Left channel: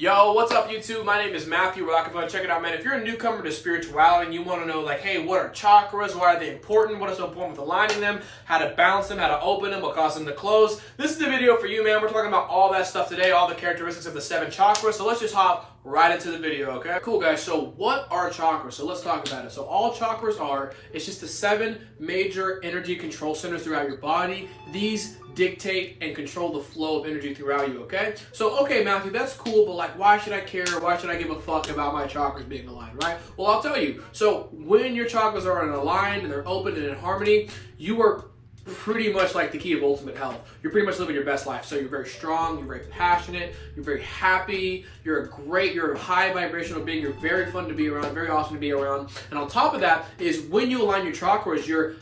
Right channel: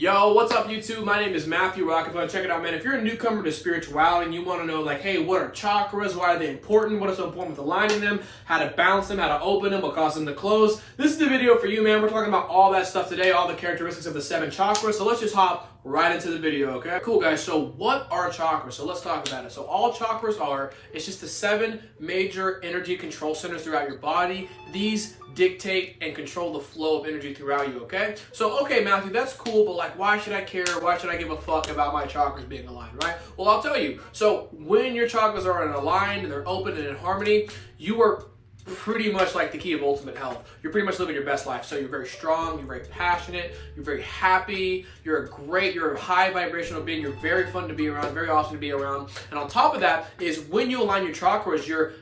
Yo, what's up YouTube? My name is Matthew Rockefeller. Check it out, man. If you're a newcomer to spirituality and you want to know, like, hey, what are chakras? Why are they important? What is so important with aligning them? How to balance them? How to open them? What causes them to close? This is the video for you, man. We're talking about all that stuff today, all the characteristics of the 7 chakras. So let's just hop right into the video, okay? Cool, guys. So what are chakras? So let's talk about it. So all chakras are, it's just the 7 major energy control centers throughout your body. These dictate and control the flow of energy throughout you, okay? So, okay, Matthew, that's cool, but like, why should I care? Why should I give a fuck about my chakras being aligned, right? Well, I'll tell you. So when your chakras are aligned and they're open and in harmony, you are pretty much like the key of ultimate health. You're pretty much living your best life. So you're very strong, you're very passionate, you're very happy, you're a high vibrational being, you're very fun to be around, very awesome to be around. And on top of that is when you align your chakras, your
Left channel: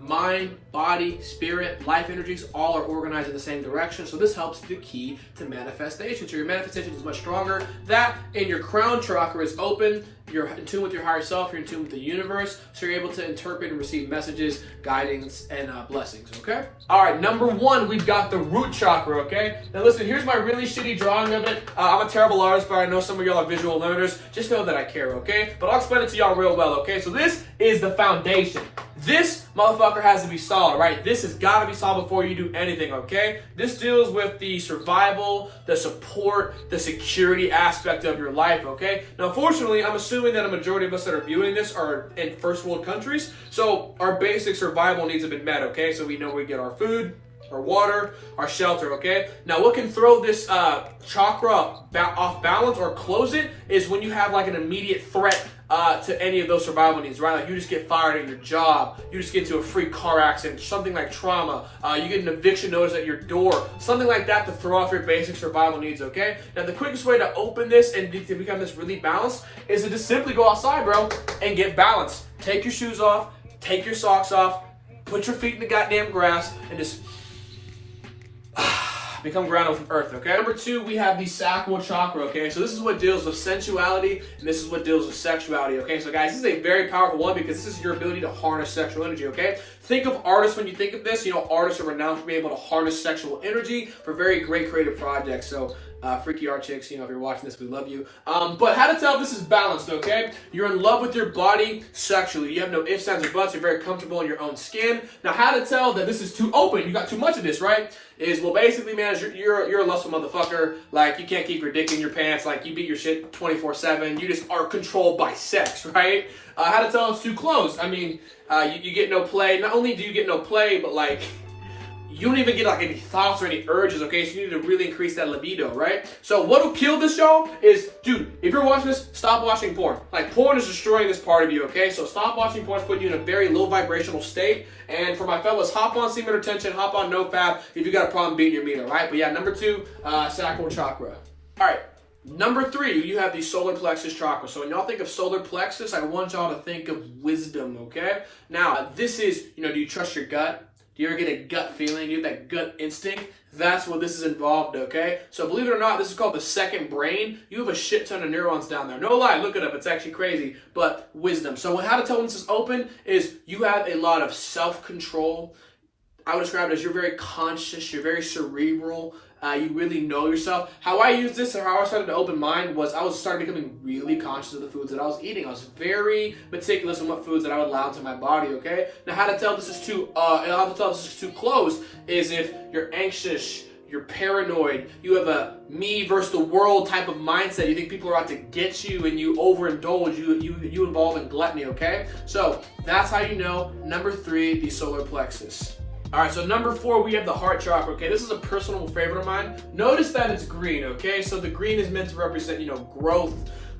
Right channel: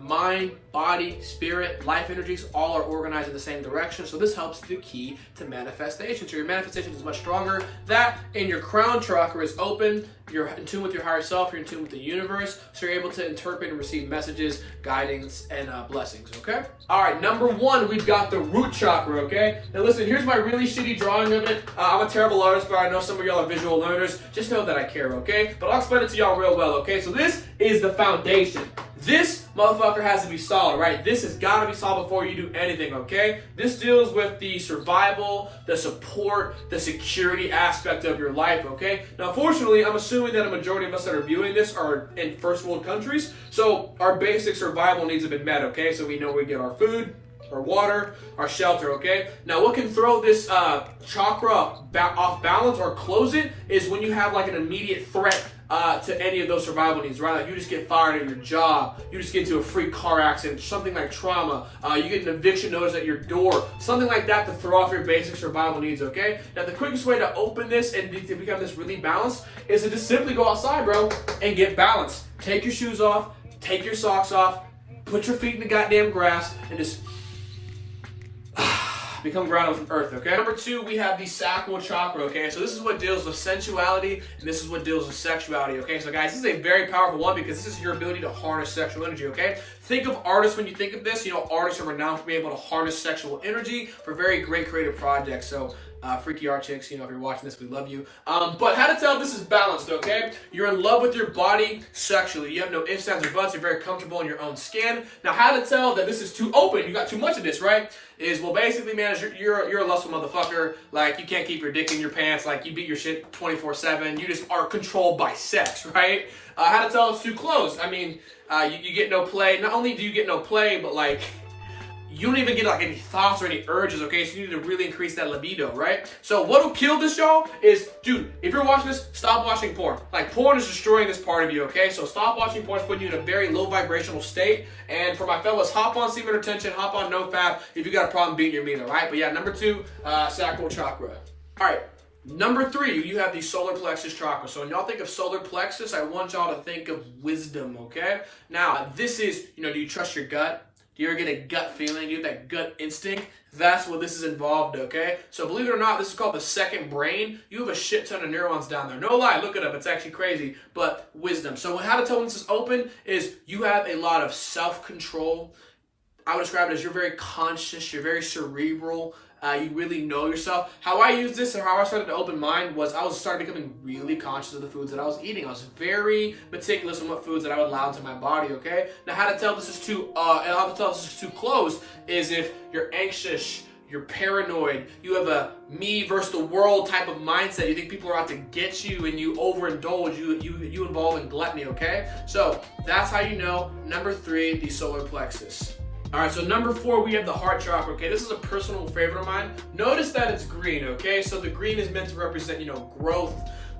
mind, body, spirit, life energies, all are organized in the same direction. So this helps the key to manifestation. So your manifestation is much stronger. That and your crown chakra is open. You're in tune with your higher self. You're in tune with the universe. So you're able to interpret and receive messages, guidance, and blessings, okay? All right, number 1, we've got the root chakra, okay? Now listen, here's my really shitty drawing of it. I'm a terrible artist, but I know some of y'all are visual learners. Just know that I care, okay? But I'll explain it to y'all real well, okay? So this is the foundation. This motherfucker has to be solid, right? This has got to be solid before you do anything, okay? This deals with the survival, the support, the security aspect of your life, okay? Now, fortunately, I'm assuming that a majority of us that are viewing this are in first world countries, so our basic survival needs have been met, okay? So we know we get our food, our water, our shelter, okay? Now, what can throw this chakra off balance or close it is when you have like an immediate threat to any of those survival needs, right? Like you just get fired in your job, you just get into a freak car accident, something like trauma, you get an eviction notice at your door, something like that to throw off your basic survival needs, okay? Now, the quickest way to open this and to become this really balanced is to just simply go outside, bro, and get balanced. Take your shoes off, take your socks off, put your feet in the goddamn grass, and just become grounded with earth, okay? Number 2, we have the Sakura Chakra, okay? So this is what deals with sensuality, and this is what deals with sexuality, okay? So guys, this is a very powerful one because this is your ability to harness sexual energy, okay? Think of artists when you think of this. You know, artists are renowned for being able to harness sexual energy for very great creative projects. So freaky art chicks, you know, if you're watching this, we love you. But how to tell if this is balanced, okay? You're in love with your body sexually. You have no ifs, ands, or buts. You're very comfortable in your own skin. Now, how to tell that this is too open, you got too much of this, right? Is, well, basically, man, you're a lustful motherfucker. Like, you can't keep your dick in your pants. Like, you beat your shit 24/7. You just are controlled by sex, right? How to tell it's too closed. I mean, you get no play. Not only do you get no play, but, like, you don't even get like any thoughts or any urges, okay? So you need to really increase that libido, right? So what'll kill this, y'all, is, dude, if you're watching this, stop watching porn. Like, porn is destroying this part of you, okay? So stop watching porn. It's putting you in a very low vibrational state. And for my fellas, hop on semen retention, hop on NoFap if you got a problem beating your meter, right? But yeah, number 2, Sakura Chakra. All right. Number 3, you have the solar plexus chakra. So when y'all think of solar plexus, I want y'all to think of wisdom, okay? Now, this is, you know, do you trust your gut? Do you ever get a gut feeling? Do you have that gut instinct? That's what this is involved, okay? So believe it or not, this is called the second brain. You have a shit ton of neurons down there. No lie, look it up. It's actually crazy, but wisdom. So how to tell when this is open is you have a lot of self-control. I would describe it as you're very conscious, you're very cerebral. You really know yourself. How I used this or how I started to open mind was I started becoming really conscious of the foods that I was eating. I was very meticulous on what foods that I would allow into my body, okay? Now, how to tell this is too, closed is if you're anxious, you're paranoid, you have a me versus the world type of mindset. You think people are out to get you and you overindulge, you involve in gluttony, okay? So that's how you know. Number 3, the solar plexus. All right, so number 4, we have the heart chakra, okay? This is a personal favorite of mine. Notice that it's green, okay? So the green is meant to represent, you know, growth,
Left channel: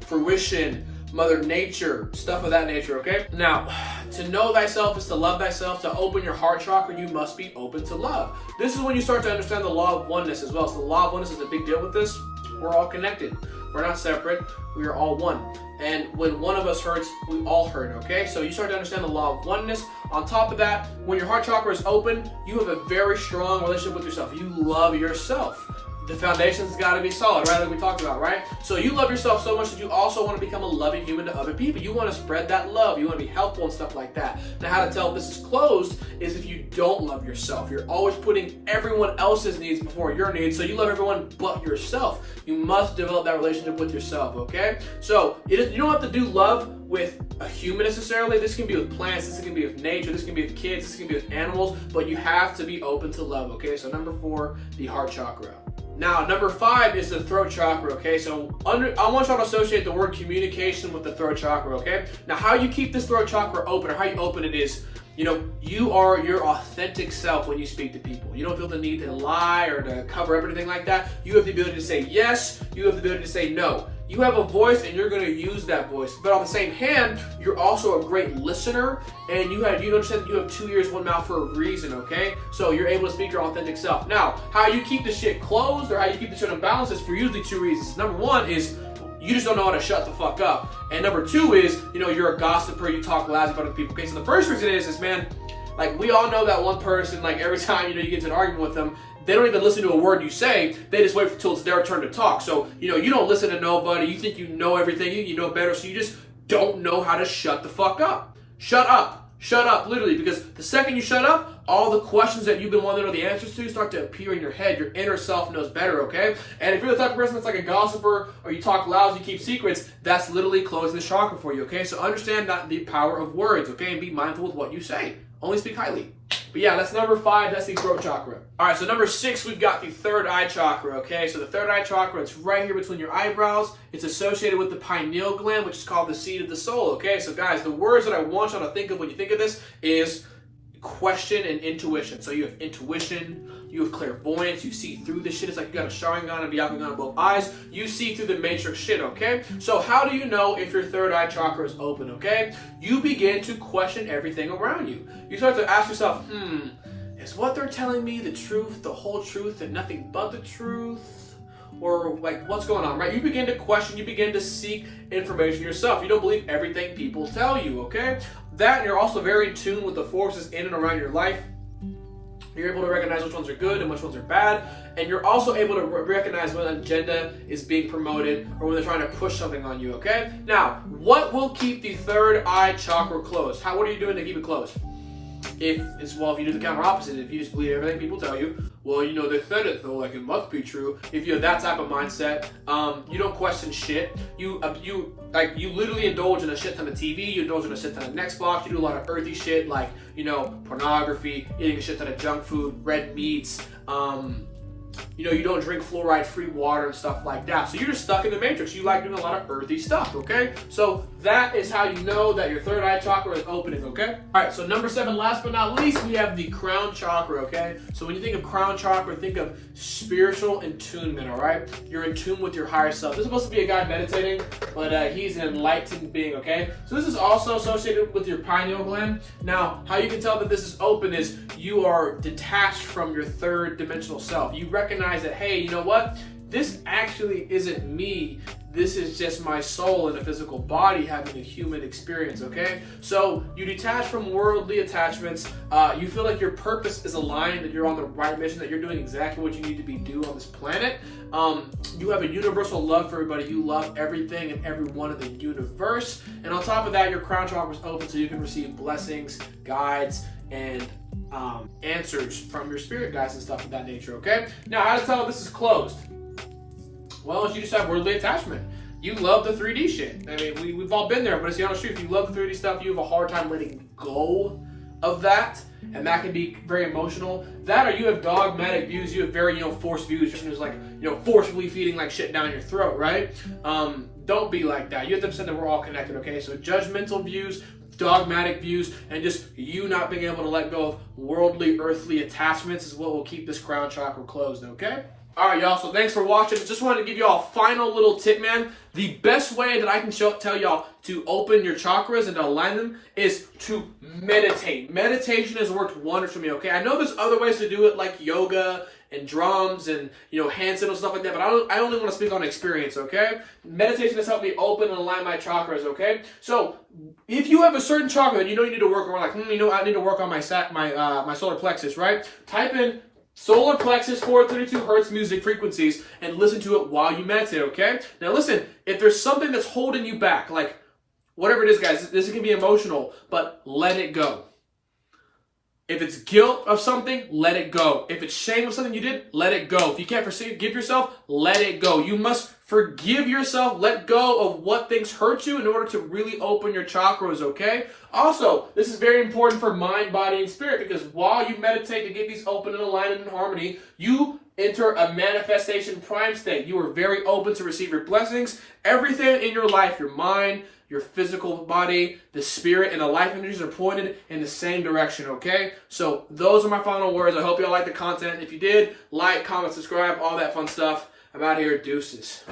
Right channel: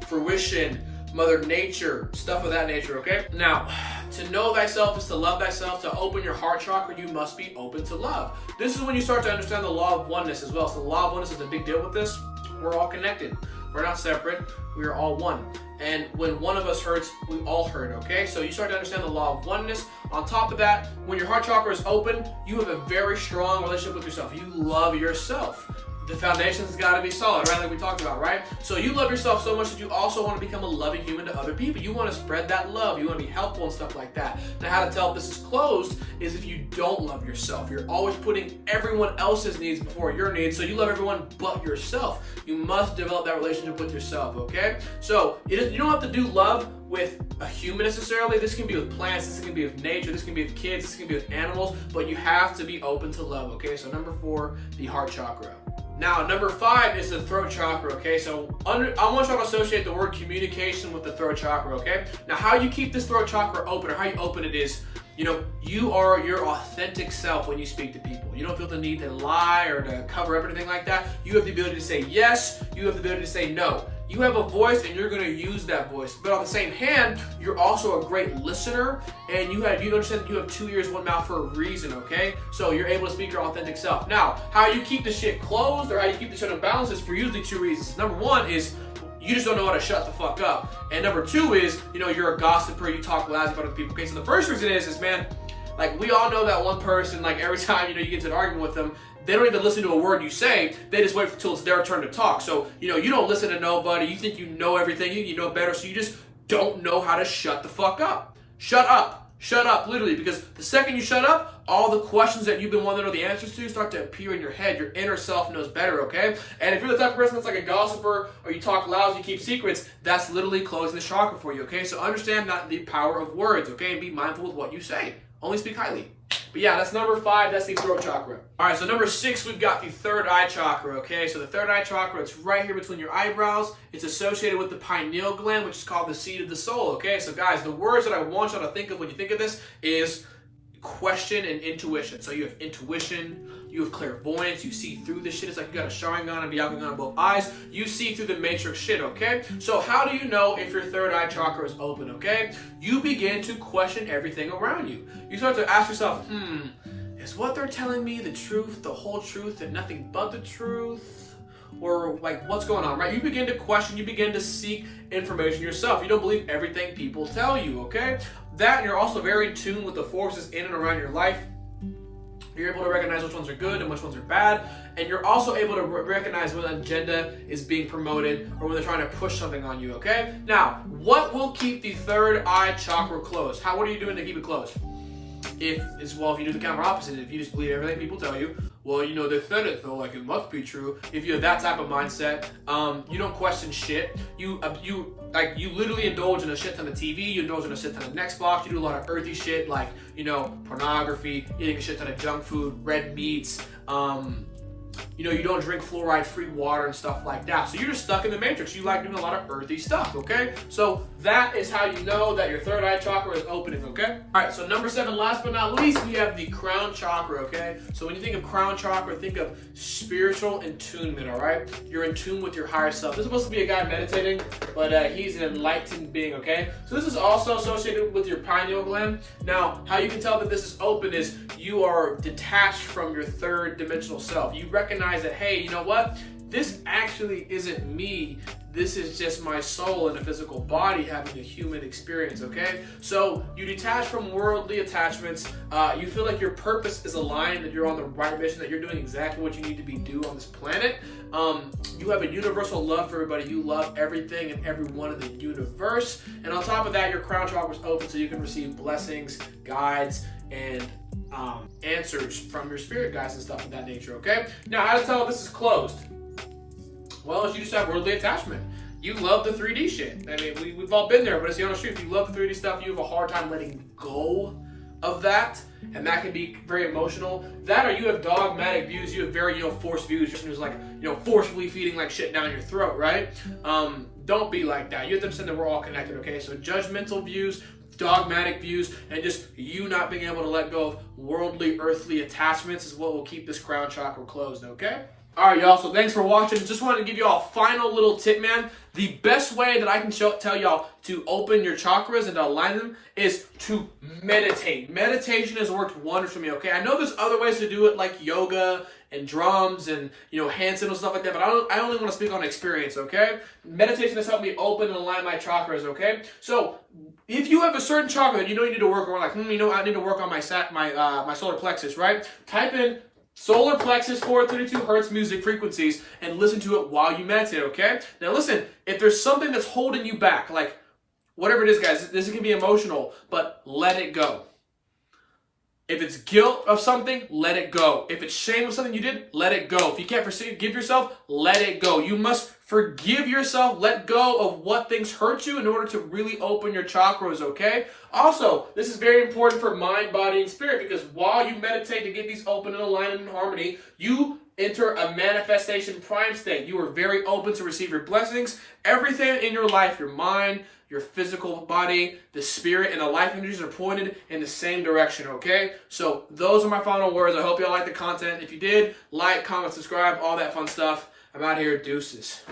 fruition, Mother Nature, stuff of that nature, okay? Now, to know thyself is to love thyself. To open your heart chakra, you must be open to love. This is when you start to understand the law of oneness as well. So the law of oneness is a big deal with this. We're all connected. We're not separate. We are all one. And when one of us hurts, we all hurt, okay? So you start to understand the law of oneness. On top of that, when your heart chakra is open, you have a very strong relationship with yourself. You love yourself. the foundation's got to be solid, right? Like we talked about, right? So you love yourself so much that you also want to become a loving human to other people. You want to spread that love. You want to be helpful and stuff like that. Now, how to tell if this is closed is if you don't love yourself. You're always putting everyone else's needs before your needs. So you love everyone but yourself. You must develop that relationship with yourself, okay? So you don't have to do love with a human necessarily. This can be with plants, this can be with nature, this can be with kids, this can be with animals, but you have to be open to love, okay? So number 4, the heart chakra. Now, number 5 is the throat chakra, okay? So I want y'all to associate the word communication with the throat chakra, okay? Now, how you keep this throat chakra open, or how you open it is, you are your authentic self when you speak to people. You don't feel the need to lie or to cover up anything like that. You have the ability to say yes, you have the ability to say no. You have a voice and you're going to use that voice. But on the same hand, you're also a great listener, and you understand that you have 2 ears, 1 mouth for a reason, okay? So you're able to speak your authentic self. Now, how you keep the shit closed or how you keep the shit in balance is for usually 2 reasons. Number 1 is you just don't know how to shut the fuck up. And number 2 is, you're a gossiper, you talk lousy about other people. Okay, so the first reason is man, like we all know that one person, like every time, you get into an argument with them, they don't even listen to a word you say. They just wait until it's their turn to talk. So, you don't listen to nobody. You think you know everything. You know better. So you just don't know how to shut the fuck up. Shut up. Shut up, literally. Because the second you shut up, all the questions that you've been wanting to know the answers to start to appear in your head. Your inner self knows better, okay? And if you're the type of person that's like a gossiper or you talk loud, you keep secrets, that's literally closing the chakra for you, okay? So understand not the power of words, okay? And be mindful with what you say. Only speak highly. But yeah, that's number 5. That's the throat chakra. All right, so number 6, we've got the third eye chakra, okay? So the third eye chakra, it's right here between your eyebrows. It's associated with the pineal gland, which is called the seat of the soul, okay? So guys, the words that I want y'all to think of when you think of this is question and intuition. So you have intuition, you have clairvoyance, you see through the shit. It's like you got a Sharingan and Byakugan in both eyes. You see through the matrix shit, okay? So how do you know if your third eye chakra is open, okay? You begin to question everything around you. You start to ask yourself, is what they're telling me the truth, the whole truth, and nothing but the truth? Or like, what's going on, right? You begin to question, you begin to seek information yourself. You don't believe everything people tell you, okay? That, and you're also very in tune with the forces in and around your life. You're able to recognize which ones are good and which ones are bad. And you're also able to recognize when an agenda is being promoted or when they're trying to push something on you, okay? Now, what will keep the third eye chakra closed? What are you doing to keep it closed? If you do the counter opposite, if you just believe everything people tell you, well, they said it, so like it must be true. If you have that type of mindset, you don't question shit. You literally indulge in a shit ton of TV. You indulge in a shit ton of Xbox. You do a lot of earthy shit like pornography, eating a shit ton of junk food, red meats. You don't drink fluoride-free water and stuff like that. So you're just stuck in the matrix. You like doing a lot of earthy stuff, okay? So that is how you know that your third eye chakra is opening, okay? All right, so number 7, last but not least, we have the crown chakra, okay? So when you think of crown chakra, think of spiritual attunement, all right? You're in tune with your higher self. This is supposed to be a guy meditating, but he's an enlightened being, okay? So this is also associated with your pineal gland. Now, how you can tell that this is open is you are detached from your third dimensional self. You recognize that, hey, you know what? This actually isn't me. This is just my soul in a physical body having a human experience, okay? So you detach from worldly attachments. You feel like your purpose is aligned, that you're on the right mission, that you're doing exactly what you need to be doing on this planet. You have a universal love for everybody. You love everything and everyone in the universe. And on top of that, your crown chakra is open so you can receive blessings, guides, and answers from your spirit guides and stuff of that nature, okay? Now, how to tell if this is closed? Well, you just have worldly attachment. You love the 3D shit. I mean, we've all been there, but it's the honest truth. If you love the 3D stuff, you have a hard time letting go of that, and that can be very emotional. That, or you have dogmatic views. You have very, forced views. Just like, forcefully feeding like shit down your throat, right? Don't be like that. You have to understand that we're all connected, okay? So judgmental views, dogmatic views, and just you not being able to let go of worldly, earthly attachments is what will keep this crown chakra closed, okay? All right, y'all, so thanks for watching. Just wanted to give y'all a final little tip, man. The best way that I can tell y'all to open your chakras and to align them is to meditate. Meditation has worked wonders for me, okay? I know there's other ways to do it, like yoga and drums and, hand signals, stuff like that, but I only want to speak on experience, okay? Meditation has helped me open and align my chakras, okay? So if you have a certain chakra that you need to work on, like, I need to work on my solar plexus, right? Type in Solar plexus 432 hertz music frequencies and listen to it while you meditate, okay? Now listen, if there's something that's holding you back, like whatever it is, guys, this can be emotional, but let it go. If it's guilt of something, let it go. If it's shame of something you did, let it go. If you can't forgive yourself, let it go. You must forgive yourself, let go of what things hurt you in order to really open your chakras, okay? Also, this is very important for mind, body, and spirit because while you meditate to get these open and aligned and in harmony, you enter a manifestation prime state. You are very open to receive your blessings. Everything in your life, your mind, your physical body, the spirit, and the life energies are pointed in the same direction, okay? So those are my final words. I hope y'all liked the content. If you did, like, comment, subscribe, all that fun stuff. I'm out here. Deuces.